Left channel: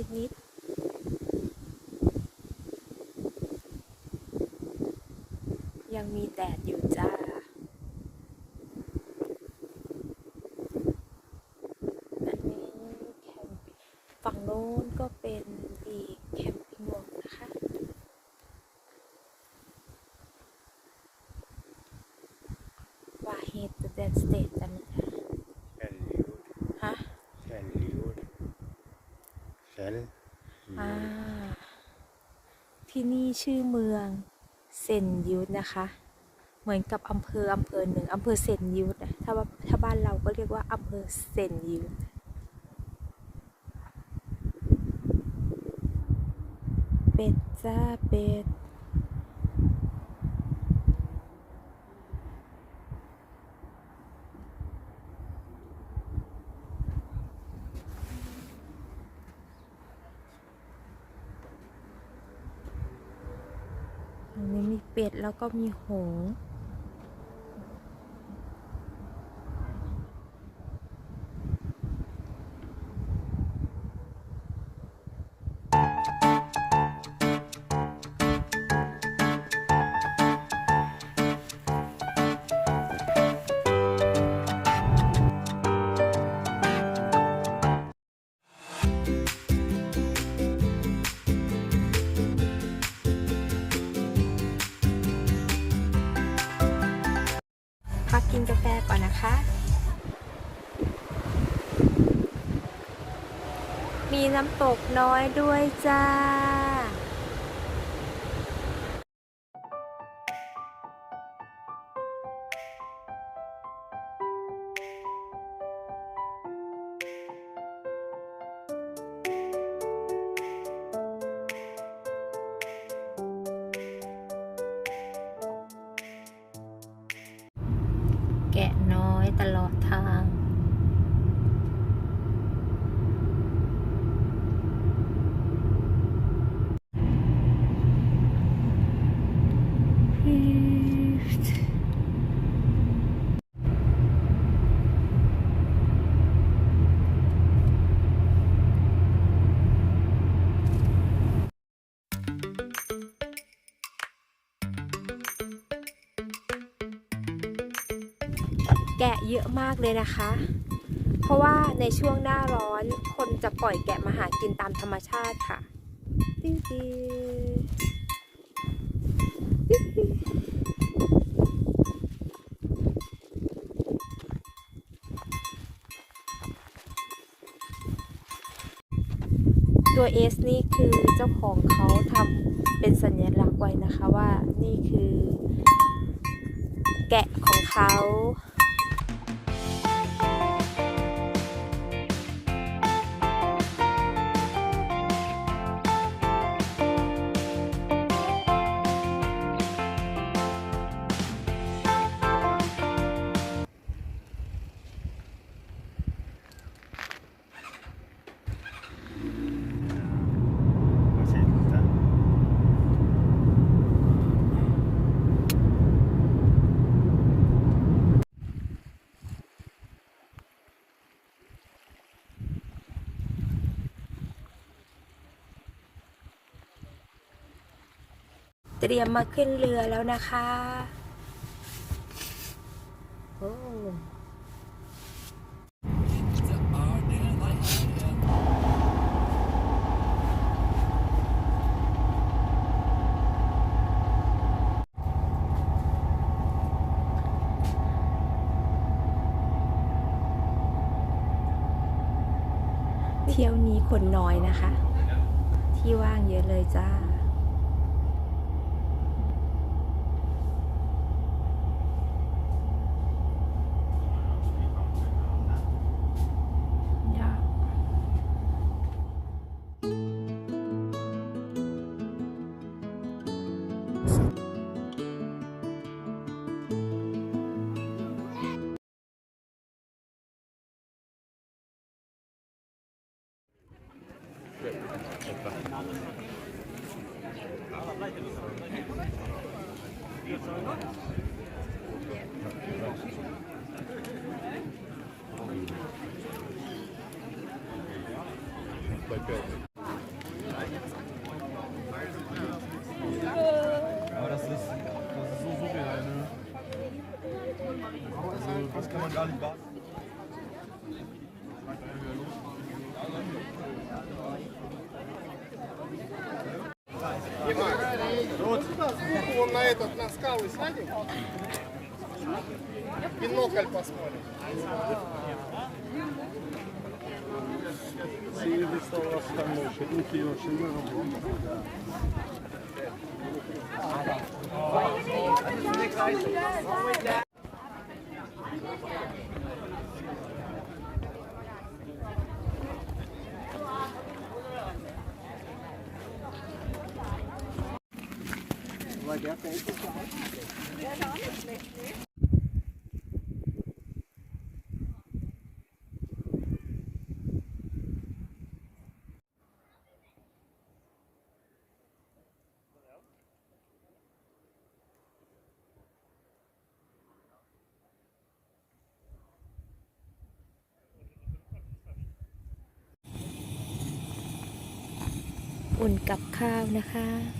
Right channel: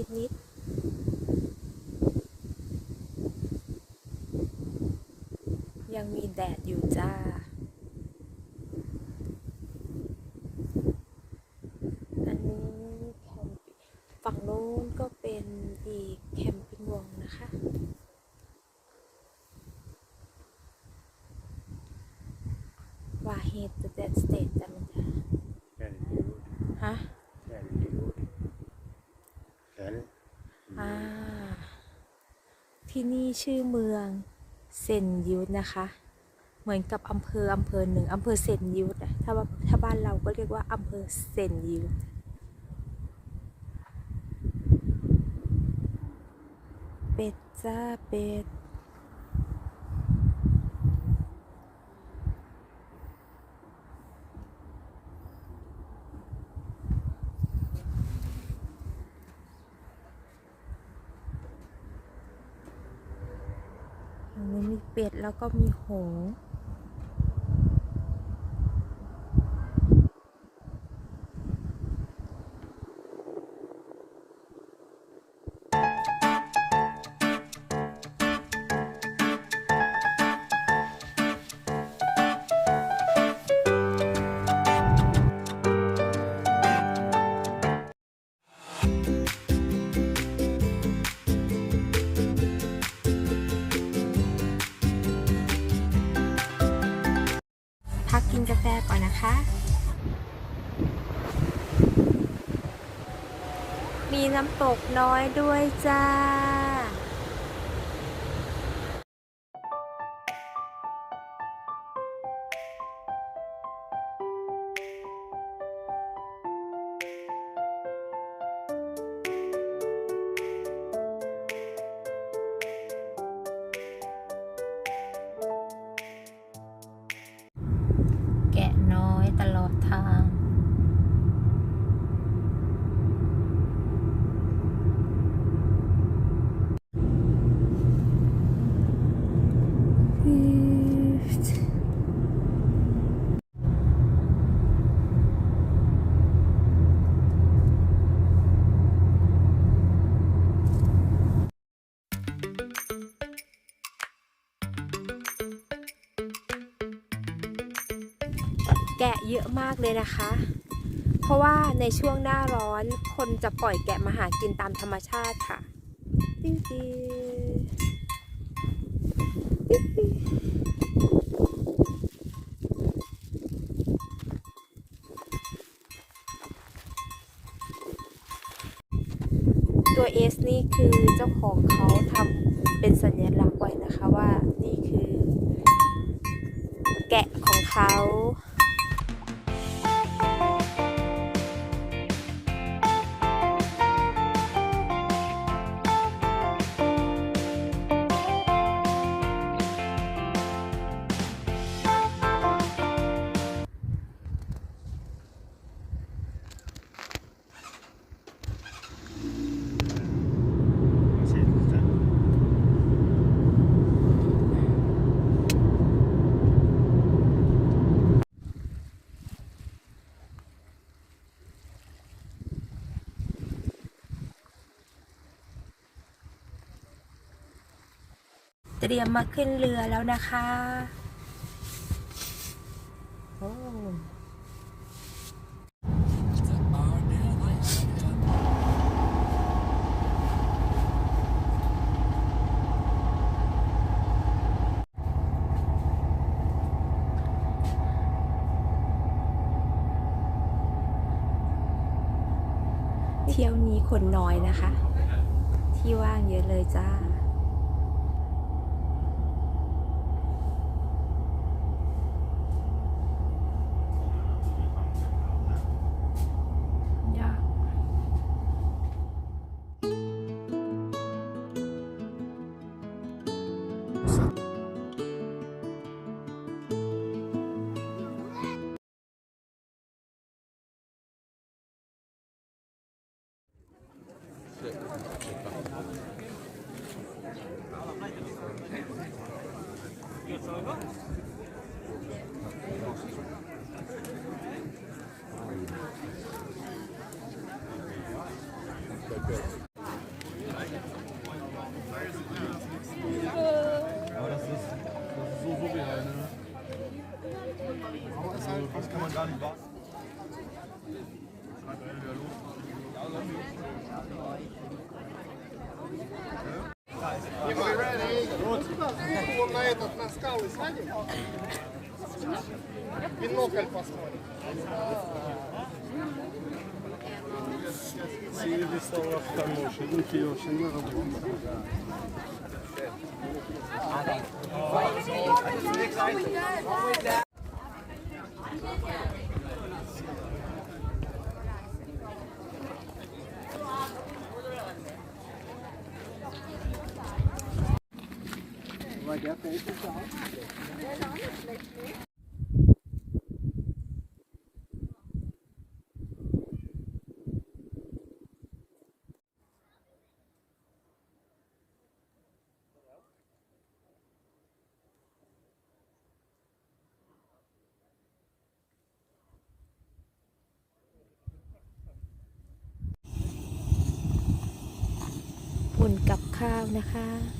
ิดนิดยังมีแดดอยู่จ้า อันนี้แคมปิ้ฝั่งโน้นก็เป็นอีกแคมปิ้งวงนะคะ ว่าเฮตเดนสเตท ที่นี่ชื่อเมืองเซนยุทนะคะ เหมือนกับอำเภออำเภอหนึ่งอำเภอเซนยุทธถ้าว่าถ้าบ้านเราก็เรียกว่าอำเภอเซนยุทเป็ดจ้าเป็ด ตรงนี้มี เป็ดแล้วก็มีหงินกาแฟก่อนนะคะ มีน้ำตกน้อยด้วยจ้าะน้อยตลอดทาง แกะเยอะมากเลยนะคะ เพราะว่าในช่วงหน้าร้อนคนจะปล่อยแกะมาหากินตามธรรมชาติค่ะติ๊วติ๊วติ๊วติ๊ตัว S นี่คือเจ้าของเขาทำเป็นสัญลักษณ์ไว้นะคะว่านี่คือแกะของเขา เตรียมมาขึ้นเรือแล้วนะคะ โอ้เที่ยวนี้คนน้อยนะคะ ที่ว่างเยอะเลยจ้า galiba. на этот, на скалы сядем? Бинокль посмотрим. Сиды стоят очень много. อุ่นกับข้าวนะคะ